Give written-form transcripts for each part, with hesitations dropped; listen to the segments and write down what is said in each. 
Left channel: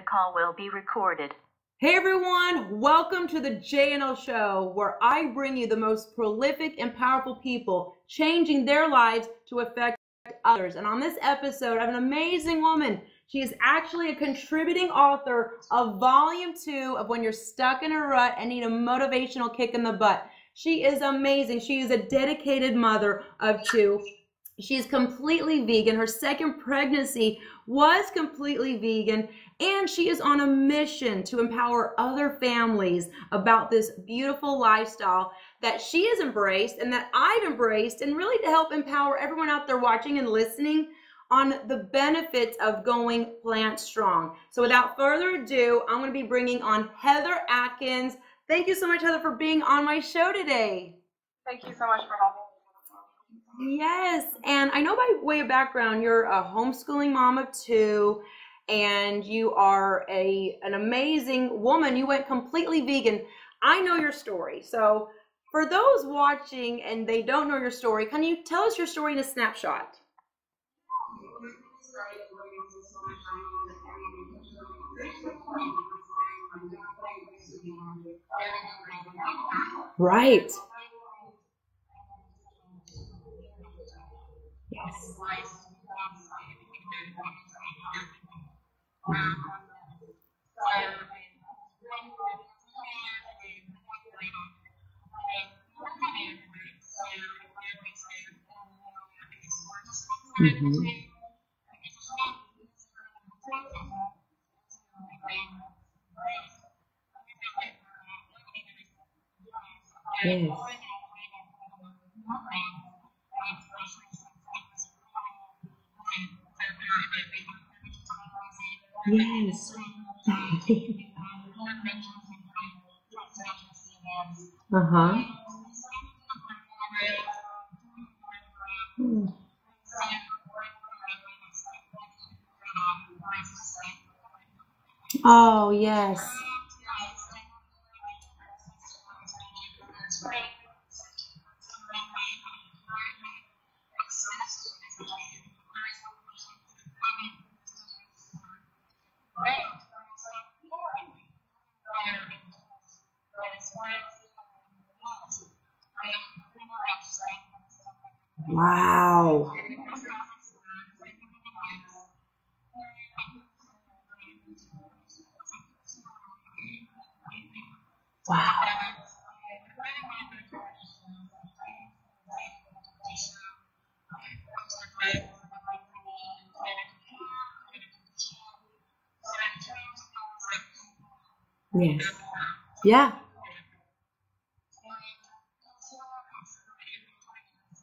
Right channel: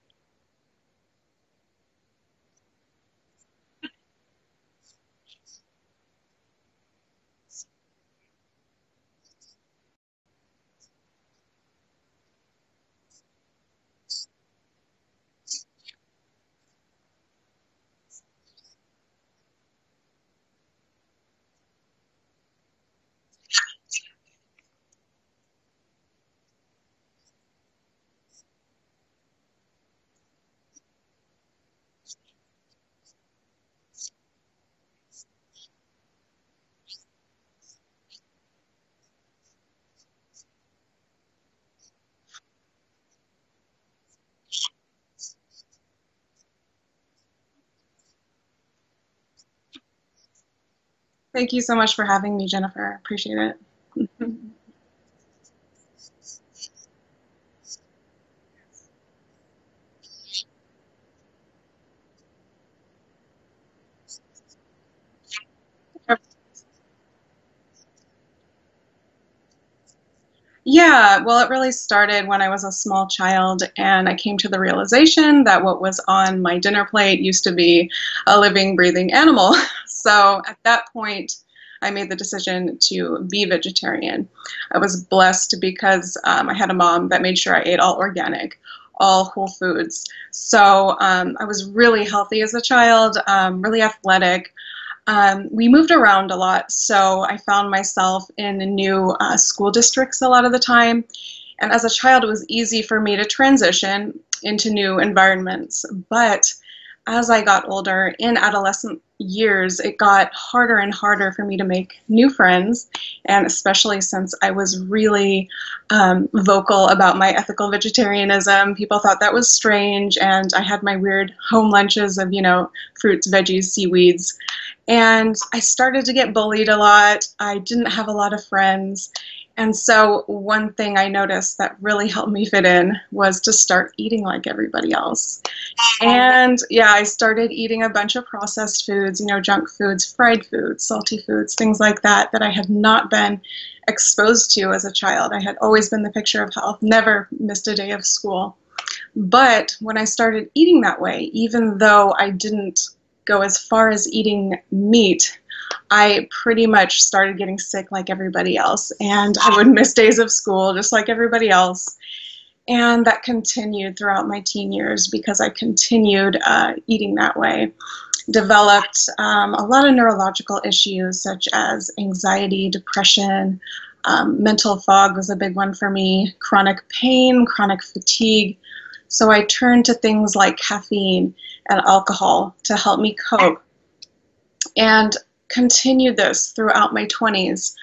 The call will be recorded. Hey everyone, welcome to the JNL show, where I bring you the most prolific and powerful people changing their lives to affect others. And on this episode, I have an amazing woman. She is actually a contributing author of Volume 2 of When You're Stuck in a Rut and Need a Motivational Kick in the Butt. She is amazing. She is a dedicated mother of two. She is completely vegan. Her second pregnancy was completely vegan, and she is on a mission to empower other families about this beautiful lifestyle that she has embraced and that I've embraced, and really to help empower everyone out there watching and listening on the benefits of going plant strong. So without further ado, I'm going to be bringing on Heather Atkins. Thank you so much, Heather, for being on my show today. Thank you so much for having me, Jennifer. Appreciate it. Yes, and I know by way of background, you're a homeschooling mom of two, and you are an amazing woman. You went completely vegan. I know your story. So for those watching and they don't know your story, can you tell us your story in a snapshot? Yeah, well, it really started when I was a small child, and I came to the realization that what was on my dinner plate used to be a living, breathing animal. So at that point, I made the decision to be vegetarian. I was blessed because I had a mom that made sure I ate all organic, all whole foods. So I was really healthy as a child, really athletic. We moved around a lot, so I found myself in new school districts a lot of the time. And as a child, it was easy for me to transition into new environments. But as I got older, in adolescent years, it got harder and harder for me to make new friends. And especially since I was really vocal about my ethical vegetarianism, people thought that was strange. And I had my weird home lunches of, fruits, veggies, seaweeds. And I started to get bullied a lot. I didn't have a lot of friends. And so one thing I noticed that really helped me fit in was to start eating like everybody else. Oh, yeah. And yeah, I started eating a bunch of processed foods, junk foods, fried foods, salty foods, things like that I had not been exposed to as a child. I had always been the picture of health, never missed a day of school. But when I started eating that way, even though I didn't go as far as eating meat, I pretty much started getting sick like everybody else. And I would miss days of school just like everybody else. And that continued throughout my teen years because I continued eating that way. Developed a lot of neurological issues such as anxiety, depression, mental fog was a big one for me, chronic pain, chronic fatigue. So I turned to things like caffeine and alcohol to help me cope, and continued this throughout my 20s.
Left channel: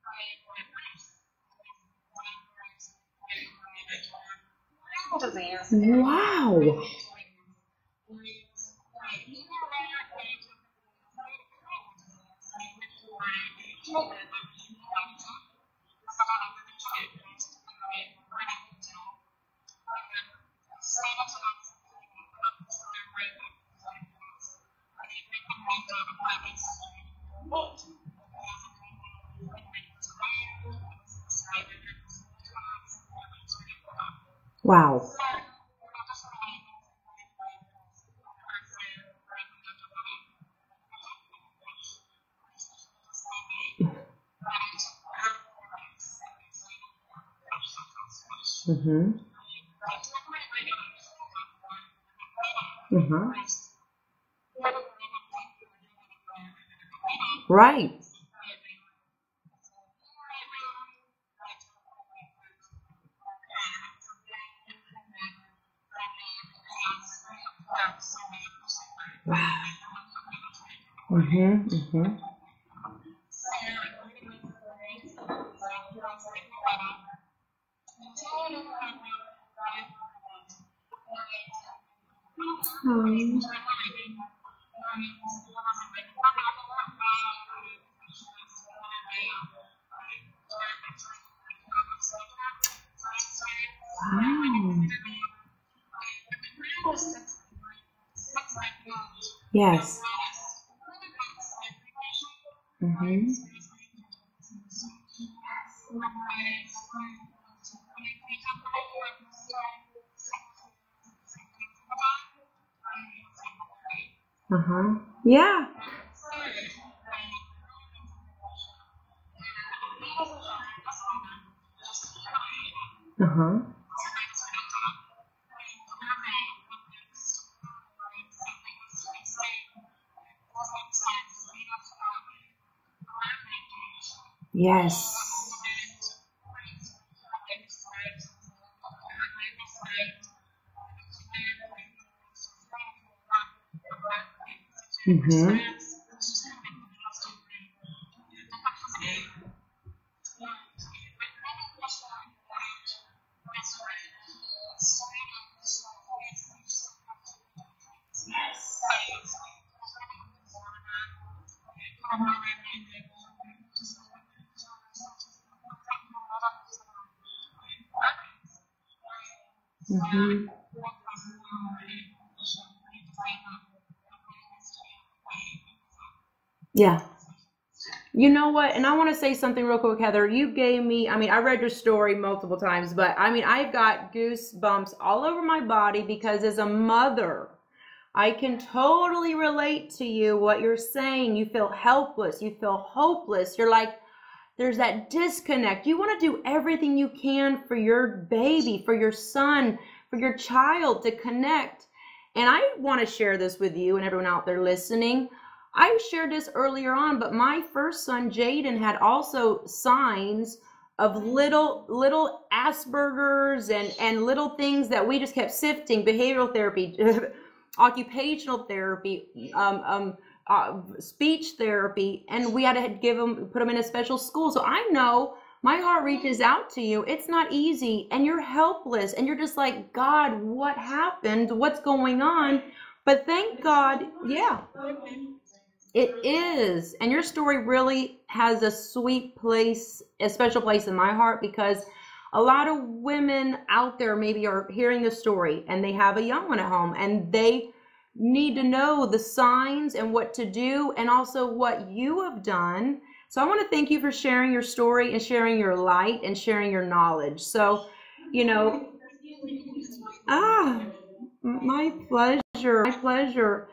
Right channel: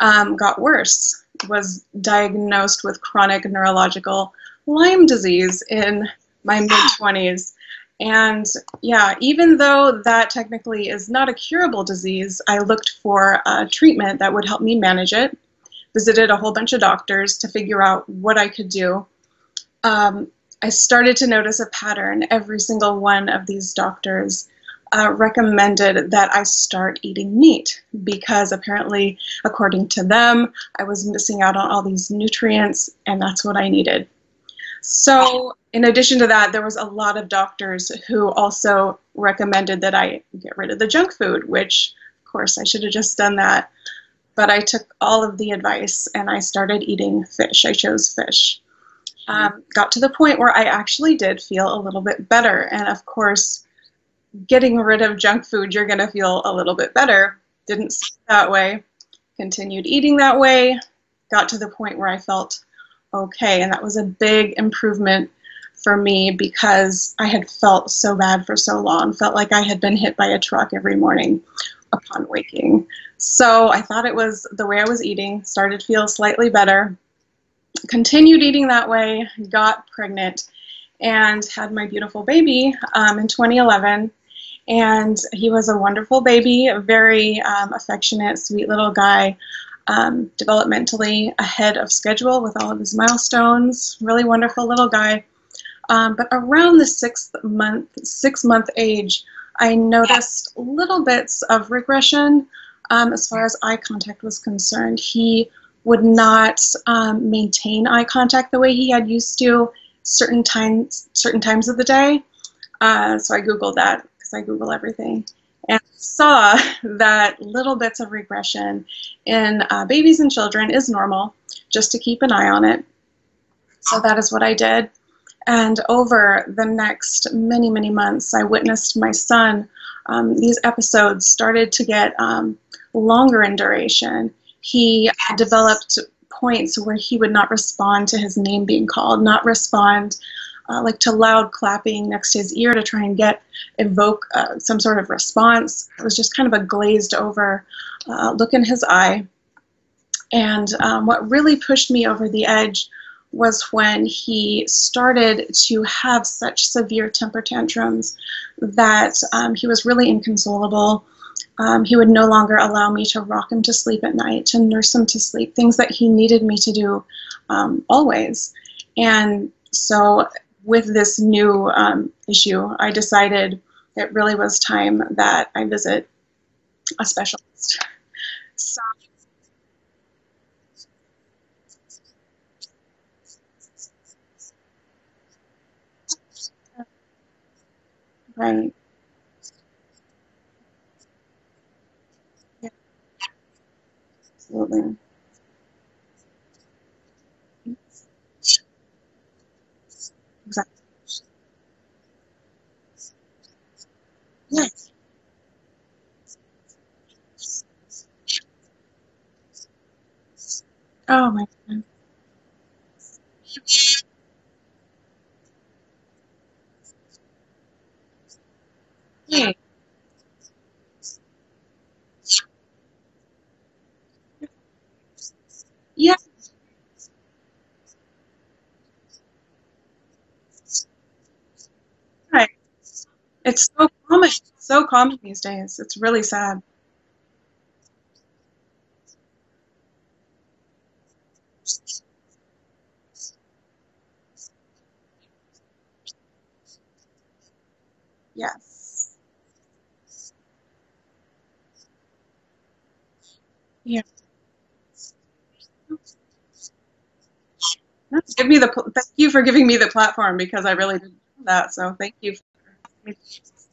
Got worse, was diagnosed with chronic neurological Lyme disease in my mid-20s. And yeah, even though that technically is not a curable disease, I looked for a treatment that would help me manage it, visited a whole bunch of doctors to figure out what I could do. I started to notice a pattern. Every single one of these doctors recommended that I start eating meat because apparently, according to them, I was missing out on all these nutrients, and that's what I needed. Wow. So in addition to that, there was a lot of doctors who also recommended that I get rid of the junk food, which, of course, I should have just done that. But I took all of the advice and I started eating fish. I chose fish. Got to the point where I actually did feel a little bit better. And of course, getting rid of junk food, you're going to feel a little bit better. Right. Didn't start that way. Continued eating that way. Got to the point where I felt okay. And that was a big improvement for me because I had felt so bad for so long. Felt like I had been hit by a truck every morning upon waking. So I thought it was the way I was eating. Started to feel slightly better. Continued eating that way. Got pregnant and had my beautiful baby in 2011. And he was a wonderful baby, a very affectionate, sweet little guy, developmentally ahead of schedule with all of his milestones. Really wonderful little guy. But around the six month age, I noticed little bits of regression as far as eye contact was concerned. He would not maintain eye contact the way he had used to. certain times of the day. So I Googled that because I Google everything. Yeah. And saw that little bits of regression in babies and children is normal, just to keep an eye on it. So that is what I did. And over the next many, many months, I witnessed my son. These episodes started to get longer in duration. Yes. He developed points where he would not respond to his name being called, not respond like to loud clapping next to his ear to try and evoke some sort of response. It was just kind of a glazed over look in his eye. And what really pushed me over the edge was when he started to have such severe temper tantrums that he was really inconsolable. He would no longer allow me to rock him to sleep at night, to nurse him to sleep, things that he needed me to do always. And so with this new issue, I decided it really was time that I visit a specialist. You know what? And I want to say something real quick, Heather. You gave me, I mean, I read your story multiple times, but I mean, I've got goosebumps all over my body because as a mother, I can totally relate to you, what you're saying. You feel helpless. You feel hopeless. You're like, there's that disconnect. You want to do everything you can for your baby, for your son, for your child to connect. And I want to share this with you and everyone out there listening. I shared this earlier on, but my first son, Jaden, had also signs of little Asperger's and little things that we just kept sifting, behavioral therapy, occupational therapy, speech therapy, and we had to put him in a special school. So I know my heart reaches out to you. It's not easy, and you're helpless, and you're just like, God, what happened? What's going on? But thank God. So common. So common these days. It's really sad. It is. And your story really has a sweet place, a special place in my heart, because a lot of women out there maybe are hearing the story and they have a young one at home and they need to know the signs and what to do and also what you have done. So I want to thank you for sharing your story and sharing your light and sharing your knowledge. So thank you for giving me the platform because I really did that. So thank you. My pleasure.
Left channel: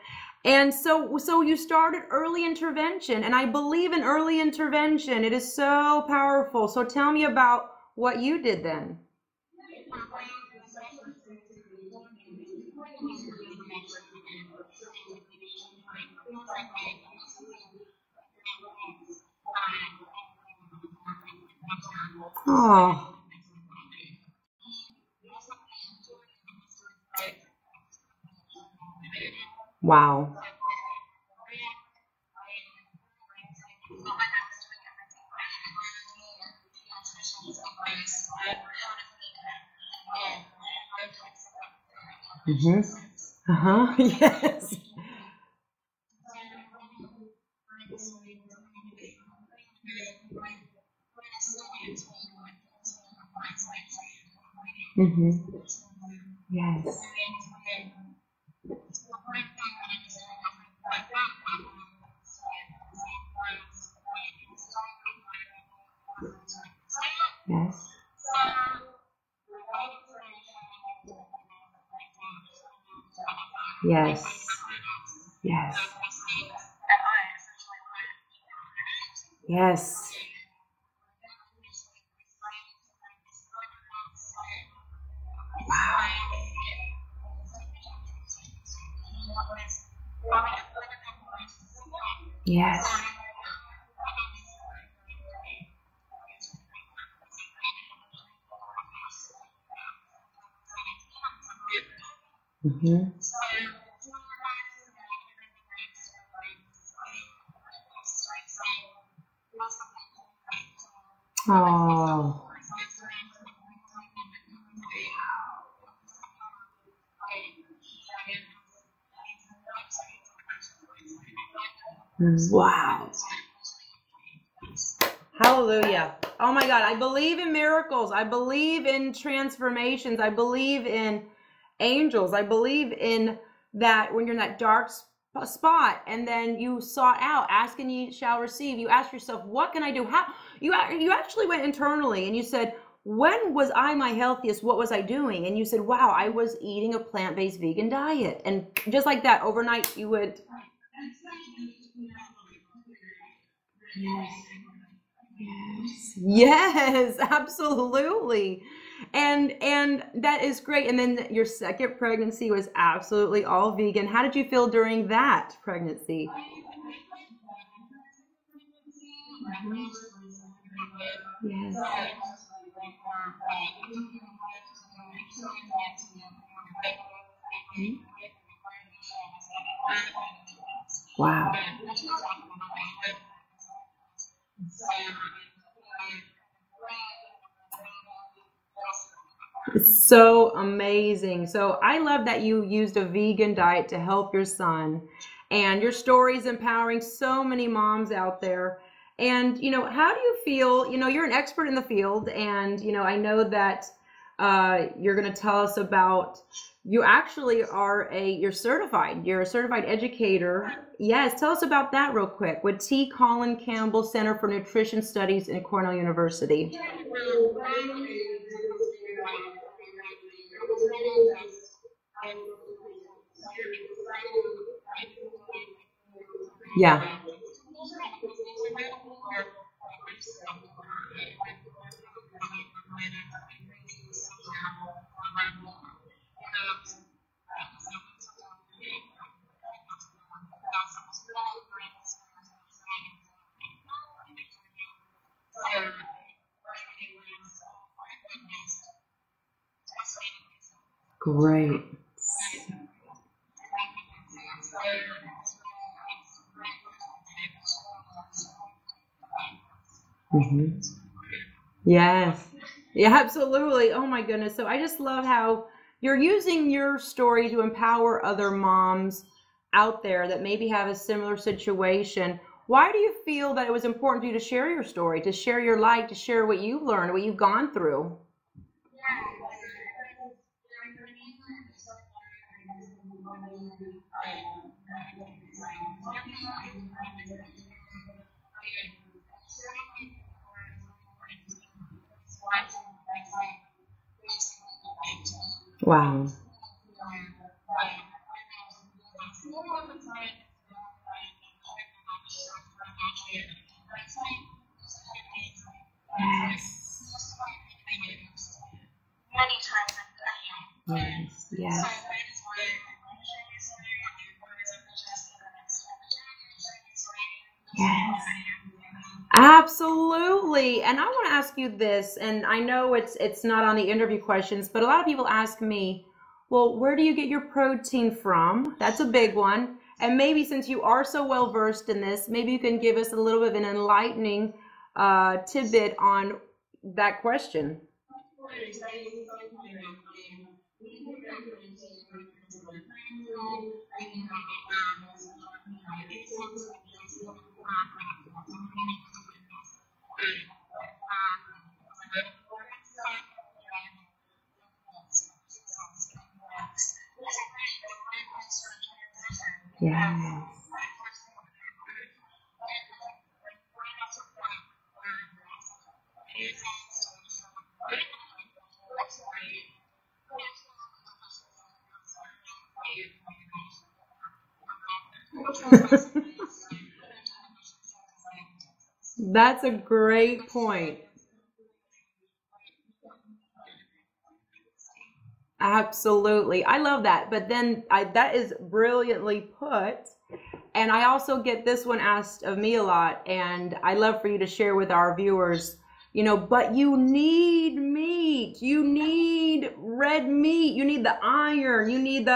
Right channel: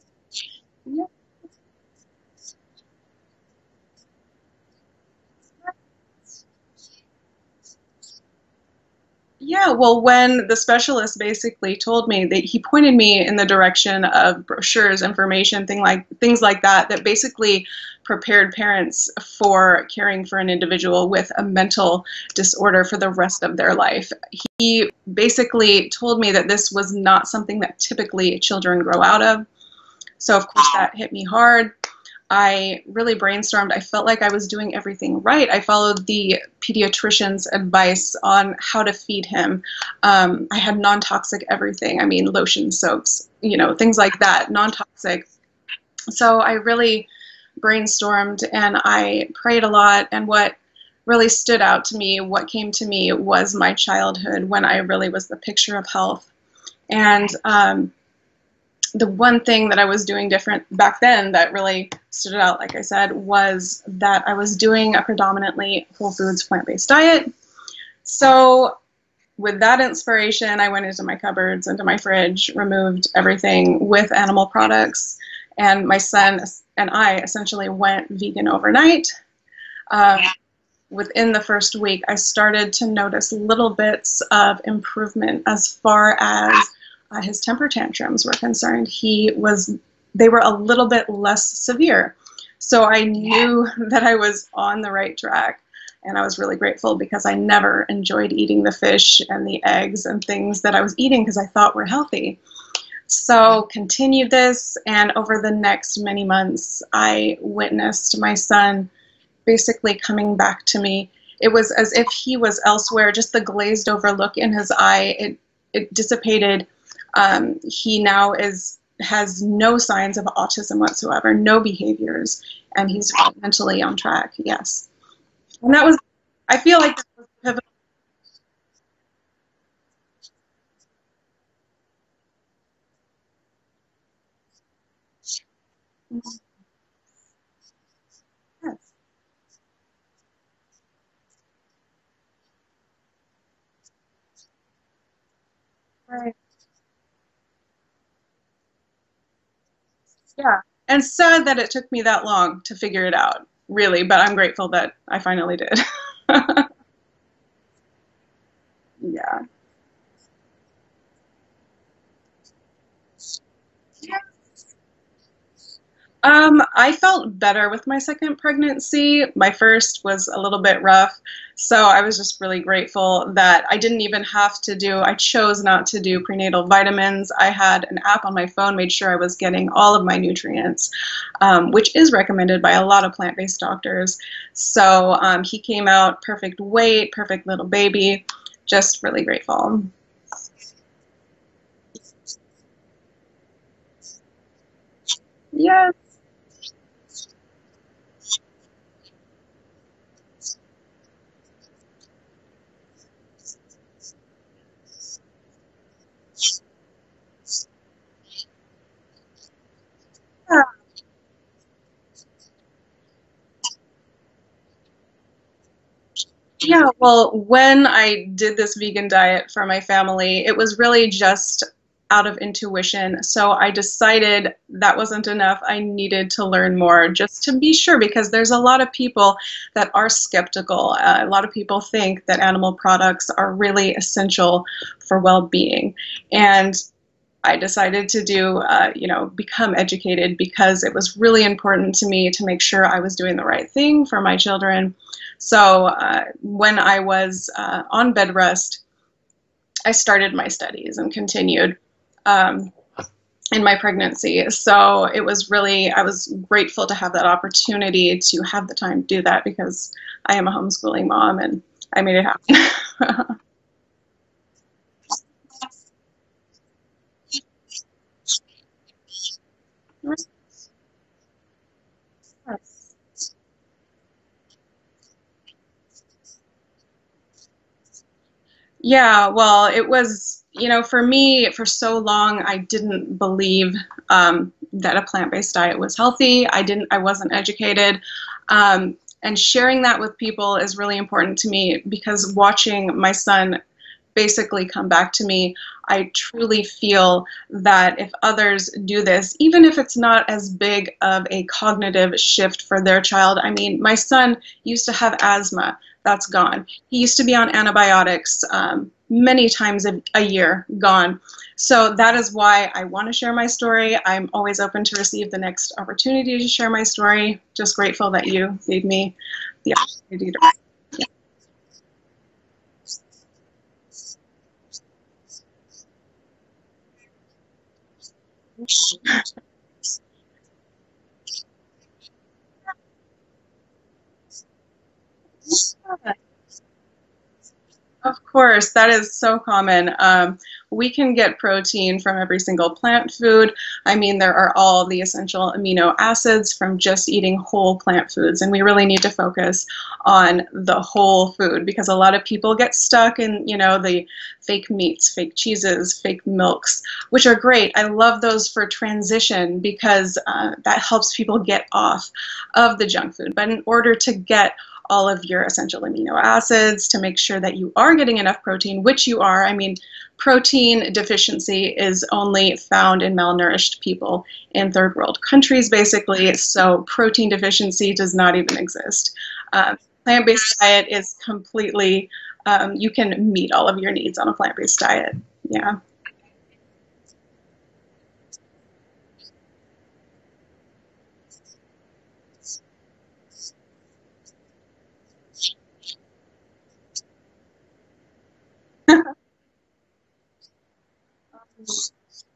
And so you started early intervention, and I believe in early intervention. It is so powerful. So tell me about what you did then. Yeah, well, when the specialist basically told me that he pointed me in the direction of brochures, information, things like that basically prepared parents for caring for an individual with a mental disorder for the rest of their life. He basically told me that this was not something that typically children grow out of. Wow. So of course that hit me hard. I really brainstormed. I felt like I was doing everything right. I followed the pediatrician's advice on how to feed him. I had non-toxic everything. I mean, lotion, soaps, things like that, non-toxic. So I really brainstormed and I prayed a lot. And what really stood out to me, what came to me was my childhood when I really was the picture of health. And the one thing that I was doing different back then that really stood out, like I said, was that I was doing a predominantly whole foods, plant-based diet. So with that inspiration, I went into my cupboards, into my fridge, removed everything with animal products. And my son and I essentially went vegan overnight. Within the first week, I started to notice little bits of improvement as far as his temper tantrums were concerned. They were a little bit less severe. So I knew that I was on the right track. And I was really grateful because I never enjoyed eating the fish and the eggs and things that I was eating because I thought were healthy. So continued this, and over the next many months, I witnessed my son basically coming back to me. It was as if he was elsewhere, just the glazed over look in his eye, it dissipated. He now has no signs of autism whatsoever, no behaviors, and he's mentally on track. Yes. Hallelujah. I believe in miracles. I believe in transformations. I believe in angels. I believe in that when you're in that dark spot and then you sought out, ask and you shall receive. You ask yourself, what can I do? How you actually went internally and you said, when was I my healthiest? What was I doing? And you said, wow, I was eating a plant-based vegan diet. And just like that, overnight, you would. Yeah. And sad that it took me that long to figure it out, really, but I'm grateful that I finally did. Yes, absolutely. Yeah. And that is great. And then your second pregnancy was absolutely all vegan. How did you feel during that pregnancy? I felt better with my second pregnancy. My first was a little bit rough, so I was just really grateful that I didn't even have to do, I chose not to do prenatal vitamins. I had an app on my phone, made sure I was getting all of my nutrients, Wow. which is recommended by a lot of plant-based doctors. So he came out perfect weight, perfect little baby. Just really grateful. So amazing. So I love that you used a vegan diet to help your son. And your Yes. story is empowering so many moms out there. And, how do you feel? You're an expert in the field, and, I know that you're going to tell us about, you actually you're certified. You're a certified educator. Yes, tell us about that real quick with T. Colin Campbell Center for Nutrition Studies in Cornell University. Yeah, well, when I did this vegan diet for my family, it was really just out of intuition. So I decided that wasn't enough. I needed to learn Yeah. more just to be sure, because there's a lot of people that are skeptical. A lot of people think that animal products are really essential for well-being. And I decided to become educated, because it was really important to me to make sure I was doing the right thing for my children. So when I was on bed rest, I started my studies and continued in my pregnancy. So it was really, I was grateful to have that opportunity to have the time to do that, because I am a homeschooling mom, and I made it happen. Yeah, absolutely. Oh my goodness. So I just love how you're using your story to empower other moms out there that maybe have a similar situation. Why do you feel that it was important for you to share your story, to share your life, to share what you've learned, what you've gone through? Yeah, well, it was, for me, for so long, I didn't believe that a plant-based diet was healthy. I wasn't educated. And sharing that with people is really important to me, because watching my son basically come back to me, I truly feel that if others do this, even if it's not as big of a cognitive shift for their child. I mean, my son used to have asthma. That's gone. He used to be on antibiotics many times a year, gone. So that is why I want to share my story. I'm always open to receive the next opportunity to share my story. Just grateful that you gave me. Absolutely. And I want to ask you this, and I know it's not on the interview questions, but a lot of people ask me, well, where do you get your protein from? That's a big one. And maybe since you are so well versed in this, maybe you can give us a little bit of an enlightening tidbit on that question. Of course, that is so common. We can get protein from every single plant food. I mean, there are all the essential amino acids from just eating whole plant foods, and we really need to focus on the whole food, because a lot of people get stuck in, the fake meats, fake cheeses, fake milks, which are great. I love those for transition, because that helps people get off of the junk food. But in order to get all of your essential amino acids, to make sure that you are getting enough protein, which you are. I mean, protein deficiency is only found in malnourished people in third world countries, basically. So protein deficiency does not even exist. That's a great plant-based point. diet is completely, you can meet all of your needs on a plant-based diet. Yeah. Absolutely. I love that. But then that is brilliantly put. And I also get this one asked of me a lot, and I love for you to share with our viewers, but you need meat, you need red meat, you need the iron, you need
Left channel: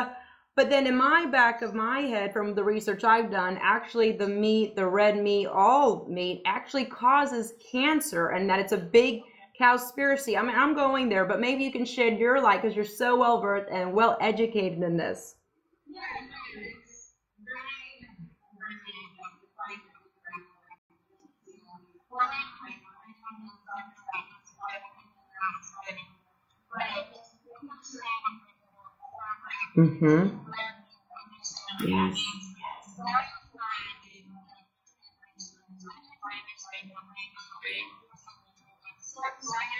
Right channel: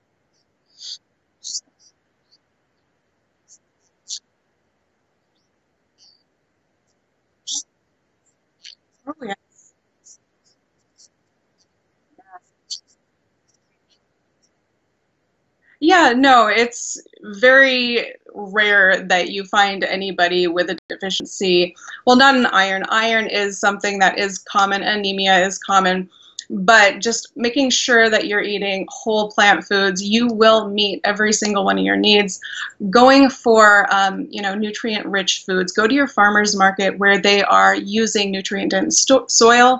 but then in my back of my head, from the research I've done, actually the meat, the red meat, all meat actually causes cancer, and that it's a big cowspiracy. I mean, I'm going there, but maybe you can shed your light, because you're so well versed and well educated in this. Yeah, no, it's very rare that you find anybody with a deficiency. Well, not in iron. Iron is something that is common. Anemia is common. But just making sure that you're eating whole plant foods, you will meet every single one of your needs. Going for, nutrient-rich foods. Go to your farmer's market where they are using nutrient-dense soil.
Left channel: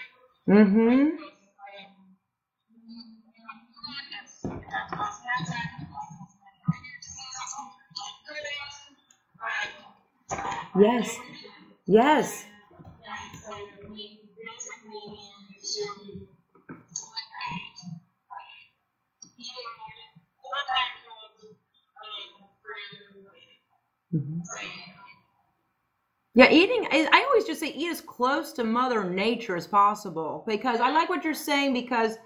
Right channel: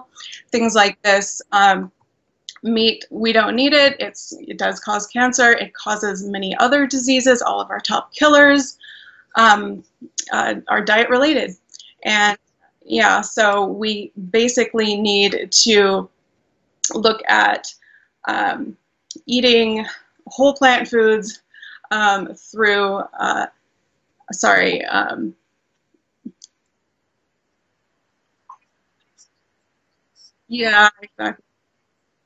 things like Mm-hmm. this. Meat, we don't need it. It does cause cancer. It causes many other diseases. All of our top killers are diet Yes. related. And Yes. yeah, so we basically need to look at eating whole plant foods through, sorry, Yeah, eating, I always just say eat as close to Mother Nature as possible because yeah, I like what you're exactly. saying because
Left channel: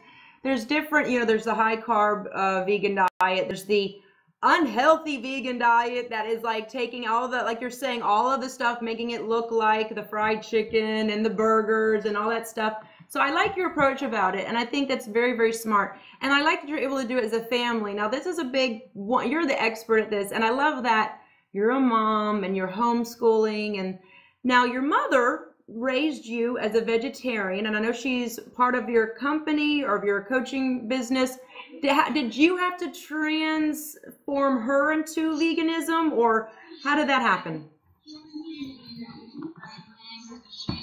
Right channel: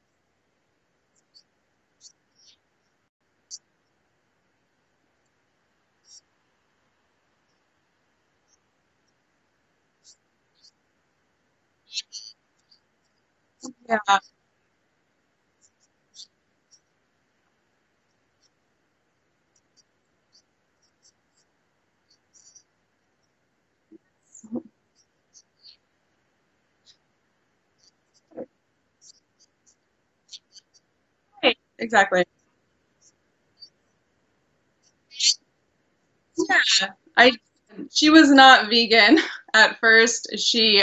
there's different, there's the high carb vegan diet, there's the unhealthy vegan diet that is like taking all the, like you're saying, all of the stuff, making it look like the fried chicken and the burgers and all that stuff. So I like your approach Yeah, about it, and I think that's very, very smart. And I like that you're able to do it as a family. Now, this is a big one. You're the expert at this, and I love that you're a mom and you're homeschooling. And now your mother raised you as a vegetarian, and I know she's part of your company or of your coaching business. exactly. Did you have to transform her into veganism, or Yeah, how did that I happen? she was not vegan at first. She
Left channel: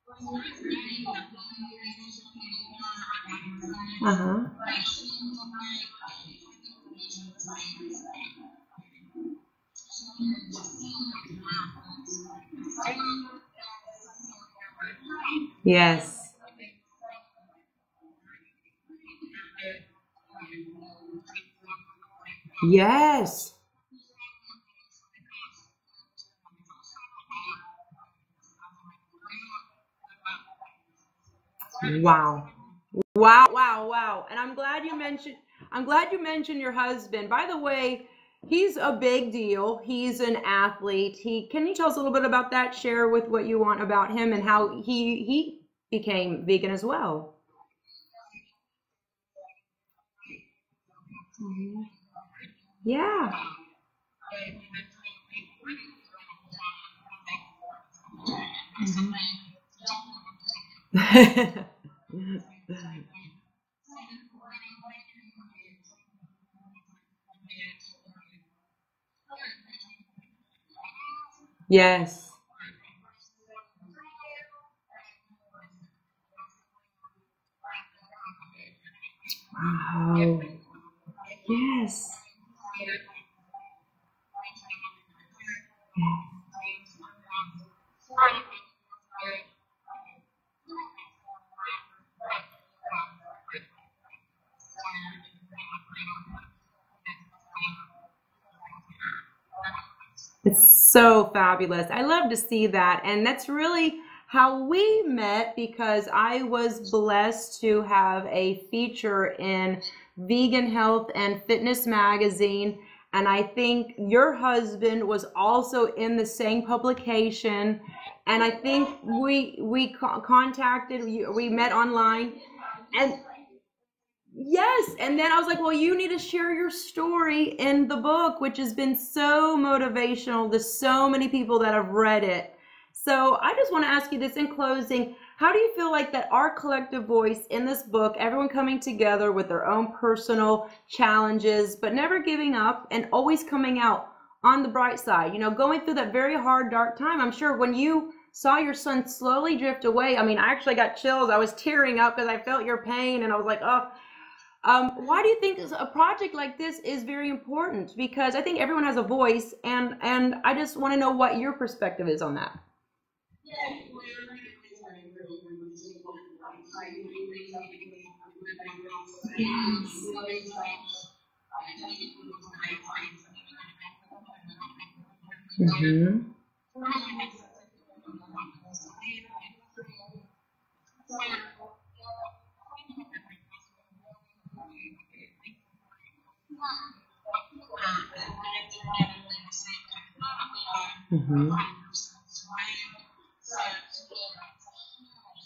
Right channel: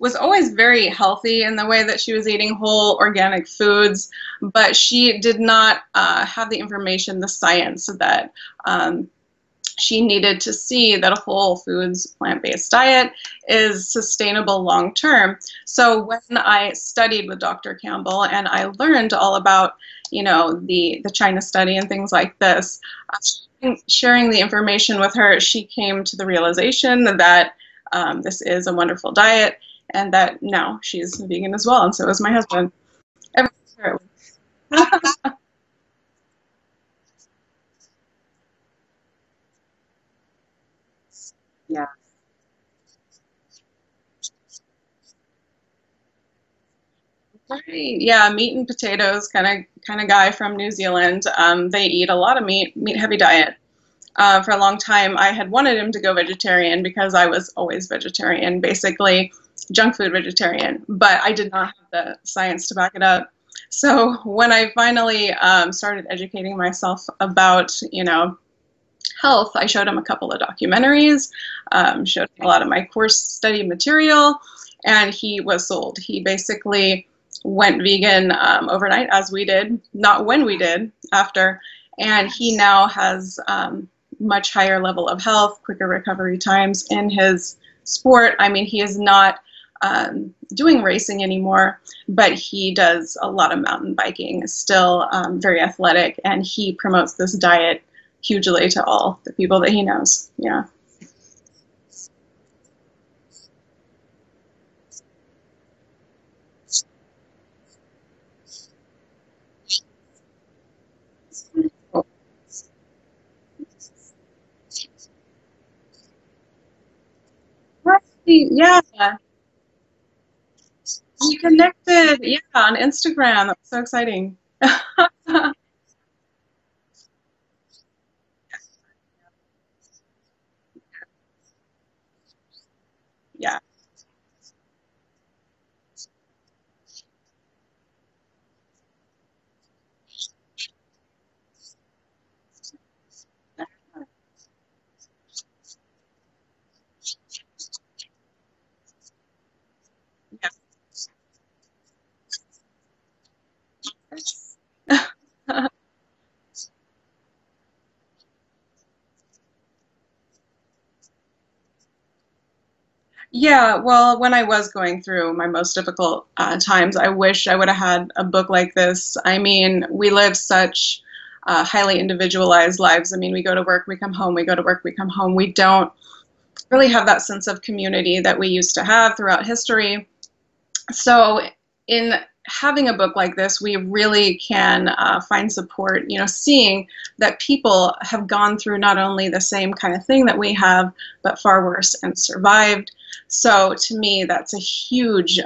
was always very healthy in the way that she was eating whole organic foods, Uh-huh. but she did not have the information, the science that um, she needed to see that a whole foods plant-based diet is sustainable long term. So when Yes. I studied with Dr. Campbell and I learned all about, the China study and things like this, Yes. sharing the information with her, she came to the realization that this is a wonderful diet and that now she's vegan as well, and so is my Wow. husband. Wow, wow, wow. And I'm glad you mentioned your husband. By the way, he's a big deal. He's an athlete. Can you Yeah. tell us a little bit about that? Share with what you want about him and how he became vegan as well. Right. Yeah, meat and potatoes kind of guy from New Zealand. They eat a lot of meat heavy Yeah. diet. For a long time, I had wanted him to go vegetarian because I was always vegetarian, basically junk food vegetarian, but I did not have the science to back it up. So when I finally started educating myself about, health, I showed him a couple of documentaries, showed Yes. him a lot of my course study material, and he was sold. He basically went vegan overnight, as we did, not when we did, after, Yes. and he now has much higher level of health, quicker recovery times in his sport. I mean, he is not doing racing anymore, but he does a lot of mountain biking, still very athletic, and he promotes this diet hugely to all the people that he knows. Yeah. It's so fabulous. I love to see that. And that's really how we met because I was blessed to have a feature in Vegan Health and Fitness magazine. And I think your husband was also in the same publication. Right. And I Yeah. think we contacted you. We We met connected. online. Yeah, on And Instagram. That was so exciting. yes, and then I was like, well, you need to share your story in the book, which has been so motivational to so many people that have read it. So I Yeah. just want to ask you this in closing. How do you feel like that our collective voice in this book, everyone coming together with their own personal challenges, but never giving up and always coming out on the bright side, going through that very hard, dark time? I'm sure when you saw your son slowly drift away, I mean, I actually got chills. I was tearing up because I felt your pain and I was like, oh, why do you think a project like this is very important? Because I think everyone has a voice, and I just want to know what your perspective is on that. Yeah, well, when I was going through my most difficult times, I wish I would have had a book like this. I mean, we Yes. live such highly individualized lives. I mean, we go to work, we come home, we go to work, we come home. We don't Mm-hmm. really have that sense of community that we used to have throughout history. So, in having a book like this, we really can find support, seeing that people have gone through not only the same kind of thing that we have, but Mm-hmm. far worse and survived. So, to me, that's a huge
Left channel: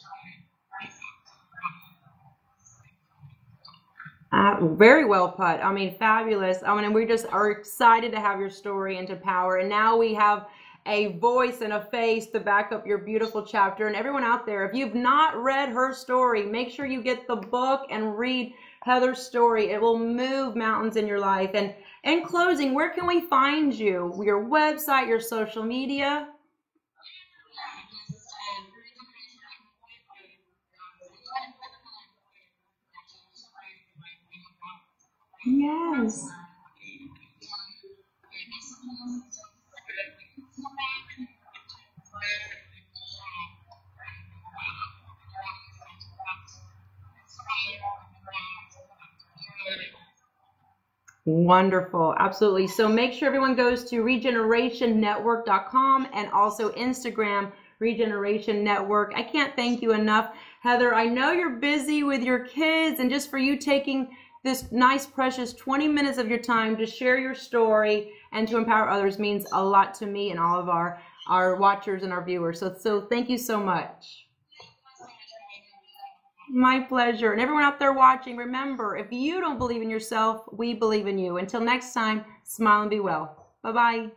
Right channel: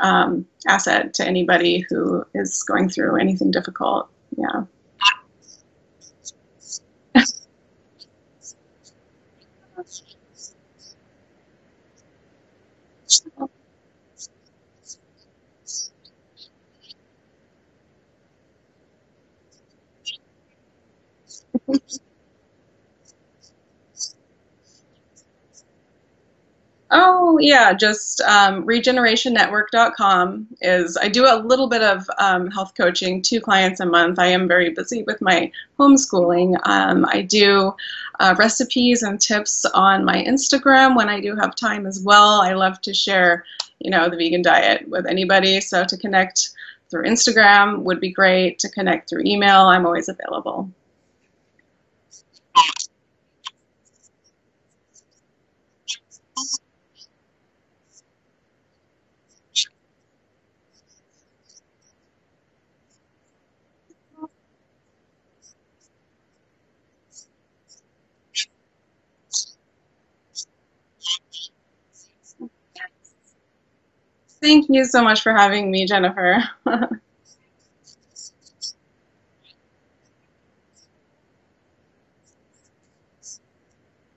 asset to anybody who is going through anything difficult. Yeah. Very well put. I mean, fabulous. I mean, we just are excited to have your story and to power. And now we have a voice and a face to back up your beautiful chapter. And everyone out there, if you've not read her story, make sure you get the book and read Heather's story. It will move mountains in your life. And in closing, where can we find you? Your website, your social media? Oh, yeah, just regenerationnetwork.com is, I do a little bit of health coaching, 2 clients a month. I am very busy with my Yes. homeschooling. I do recipes and tips on my Instagram when I do have time as well. I love to share, the vegan diet with anybody. So to connect through Instagram would be great. To connect through email, I'm always available. Wonderful. Absolutely. So make sure everyone goes to regenerationnetwork.com and also Instagram, Regeneration Network. I can't thank you enough. Heather, I know you're busy with your kids, and just for you taking this nice, precious 20 minutes of your time to share your story and to empower others means a lot to me and all of our watchers and our viewers. So thank you so much. Thank you so much for having me, Jennifer. My pleasure. And everyone out there watching, remember, if you don't believe in yourself, we believe in you. Until next time, smile and be well. Bye-bye.